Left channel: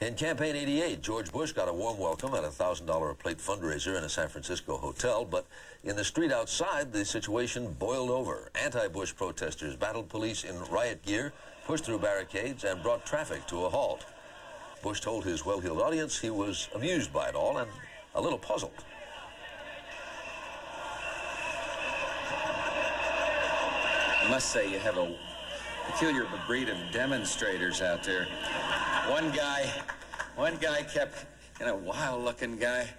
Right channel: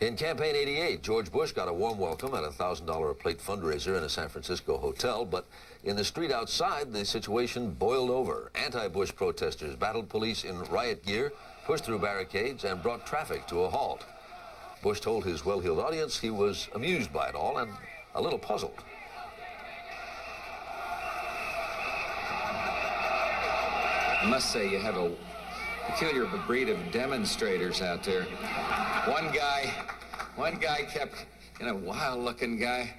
In campaign 88, George Bush got a warm welcome at a $1,000 a plate fundraiser in a San Francisco hotel, but in the street outside, the situation boiled over. Anti-Bush protesters battled police in riot gear, pushed through barricades, and brought traffic to a halt. Bush told his well-heeled audience he was amused by it all and a little puzzled. I must say you have a peculiar breed of demonstrators out there. One guy kept, wild-looking guy.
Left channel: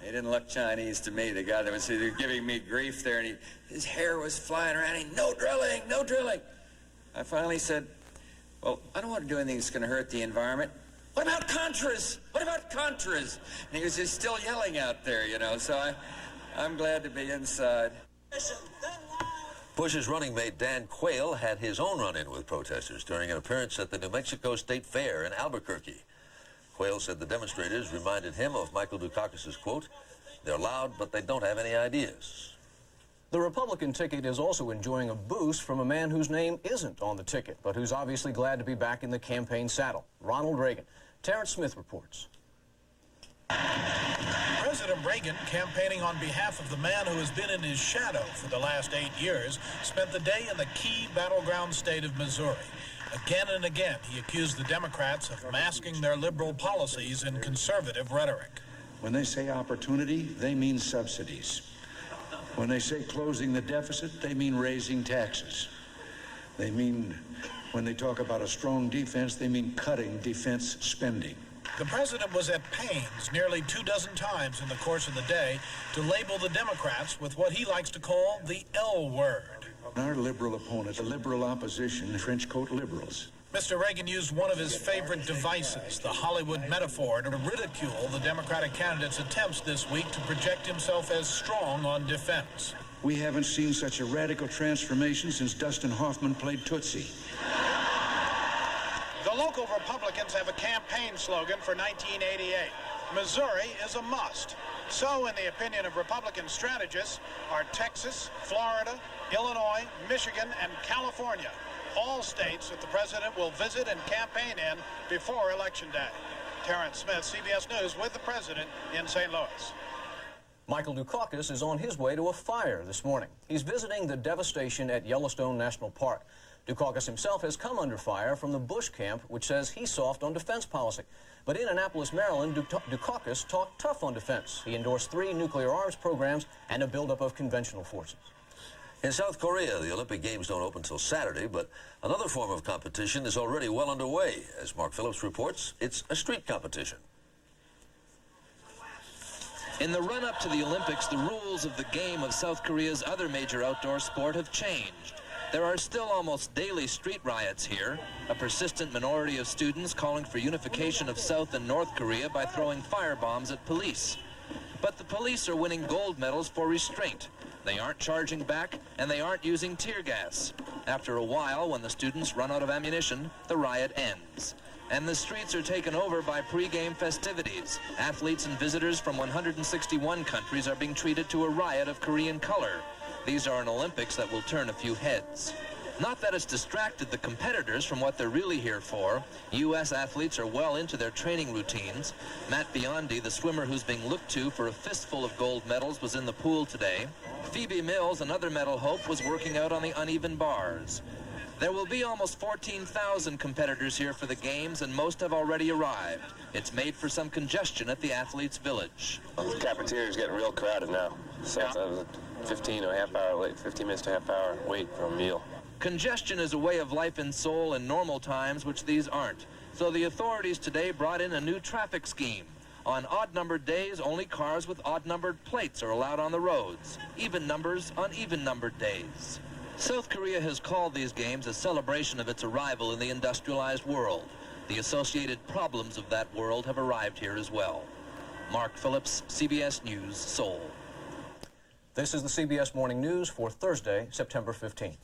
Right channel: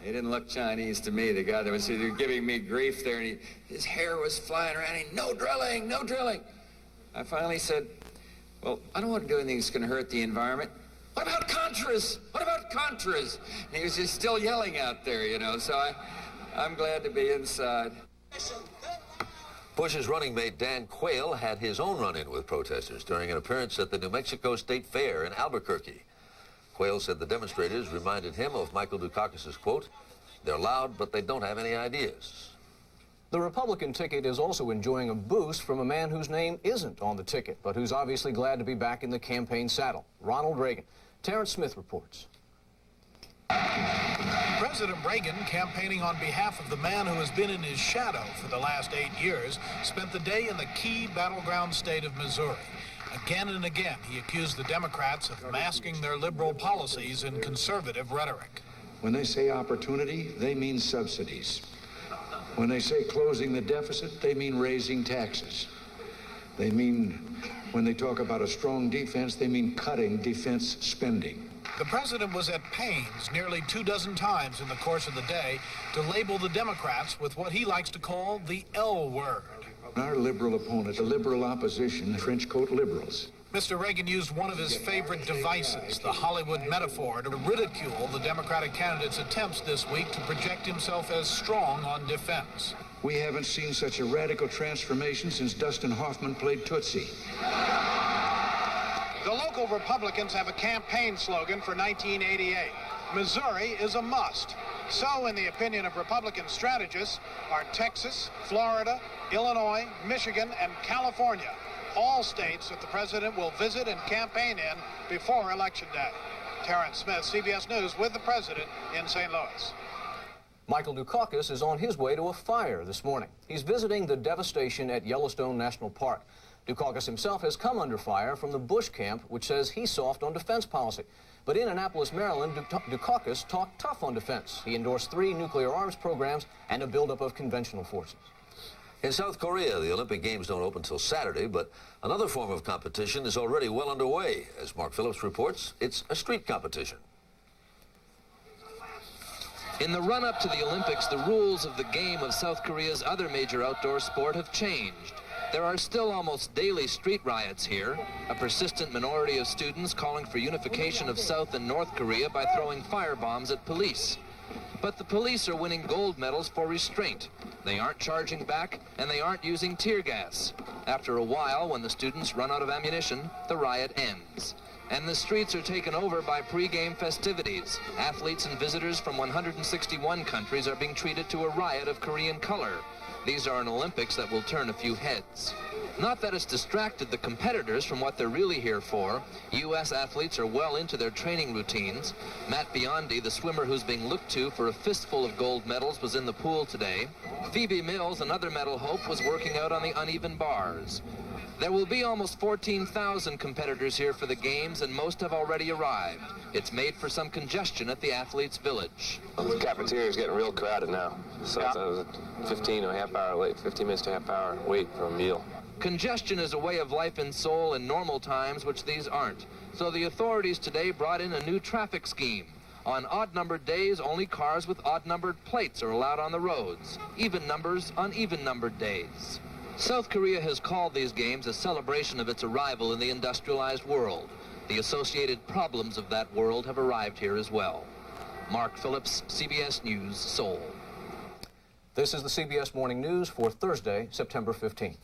He didn't look Chinese to me, the guy that was giving me grief there, and his hair was flying around. No drilling, no drilling. I finally said, well, I don't want to do anything that's going to hurt the environment. What about Contras? What about Contras? And he was just still yelling out there, so I'm glad to be inside. Bush's running mate Dan Quayle had his own run-in with protesters during an appearance at the New Mexico State Fair in Albuquerque. Quayle said the demonstrators reminded him of Michael Dukakis' quote, "They're loud, but they don't have any ideas." The Republican ticket is also enjoying a boost from a man whose name isn't on the ticket, but who's obviously glad to be back in the campaign saddle, Ronald Reagan. Terrence Smith reports. President Reagan, campaigning on behalf of the man who has been in his shadow for the last 8 years, spent the day in the key battleground state of Missouri. Again and again, he accused the Democrats of masking their liberal policies in conservative rhetoric. When they say opportunity, they mean subsidies. When they say closing the deficit, they mean raising taxes. They mean, when they talk about a strong defense, they mean cutting defense spending. The president was at pains nearly 24 times in the course of the day to label the Democrats with what he likes to call the L word. Our liberal opponents, the liberal opposition, French coat liberals. Mr. Reagan used one of his favorite devices, the Hollywood metaphor, to ridicule the Democratic candidate's attempts this week to project himself as strong on defense. We haven't seen such a radical transformation since Dustin Hoffman played Tootsie. The local Republicans have a campaign slogan for 1988. Missouri is a must. So, in the opinion of Republican strategists, are Texas, Florida, Illinois, Michigan, and California, all states that the president will visit and campaign in before Election Day. Terrence Smith, CBS News, with the president in St. Louis. Michael Dukakis is on his way to a fire this morning. He's visiting the devastation at Yellowstone National Park. Dukakis himself has come under fire from the Bush camp, which says he's soft on defense policy. But in Annapolis, Maryland, Dukakis talked tough on defense. He endorsed 3 nuclear arms programs and a buildup of conventional forces. In South Korea, the Olympic Games don't open till Saturday, but another form of competition is already well underway. As Mark Phillips reports, it's a street competition. In the run-up to the Olympics, the rules of the game of South Korea's other major outdoor sport have changed. There are still almost daily street riots here, a persistent minority of students calling for unification of South and North Korea by throwing firebombs at police. But the police are winning gold medals for restraint. They aren't charging back, and they aren't using tear gas. After a while, when the students run out of ammunition, the riot ends. And the streets are taken over by pre-game festivities. Athletes and visitors from 161 countries are being treated to a riot of Korean color. These are an Olympics that will turn a few heads. Not that it's distracted the competitors from what they're really here for. U.S. athletes are well into their training routines. Matt Biondi, the swimmer who's being looked to for a fistful of gold medals, was in the pool today. Phoebe Mills, another medal hope, was working out on the uneven bars. There will be almost 14,000 competitors here for the games, and most have already arrived. It's made for some congestion at the athletes' village. The cafeteria is getting real crowded now, so it's a 15 or a half hour late, 15 minutes to a half hour wait for a meal. Congestion is a way of life in Seoul in normal times, which these aren't. So the authorities today brought in a new traffic scheme. On odd-numbered days, only cars with odd-numbered plates are allowed on the roads. Even numbers on even-numbered days. South Korea has called these games a celebration of its arrival in the industrialized world. The associated problems of that world have arrived here as well. Mark Phillips, CBS News, Seoul. This is the CBS Morning News for Thursday, September 15th.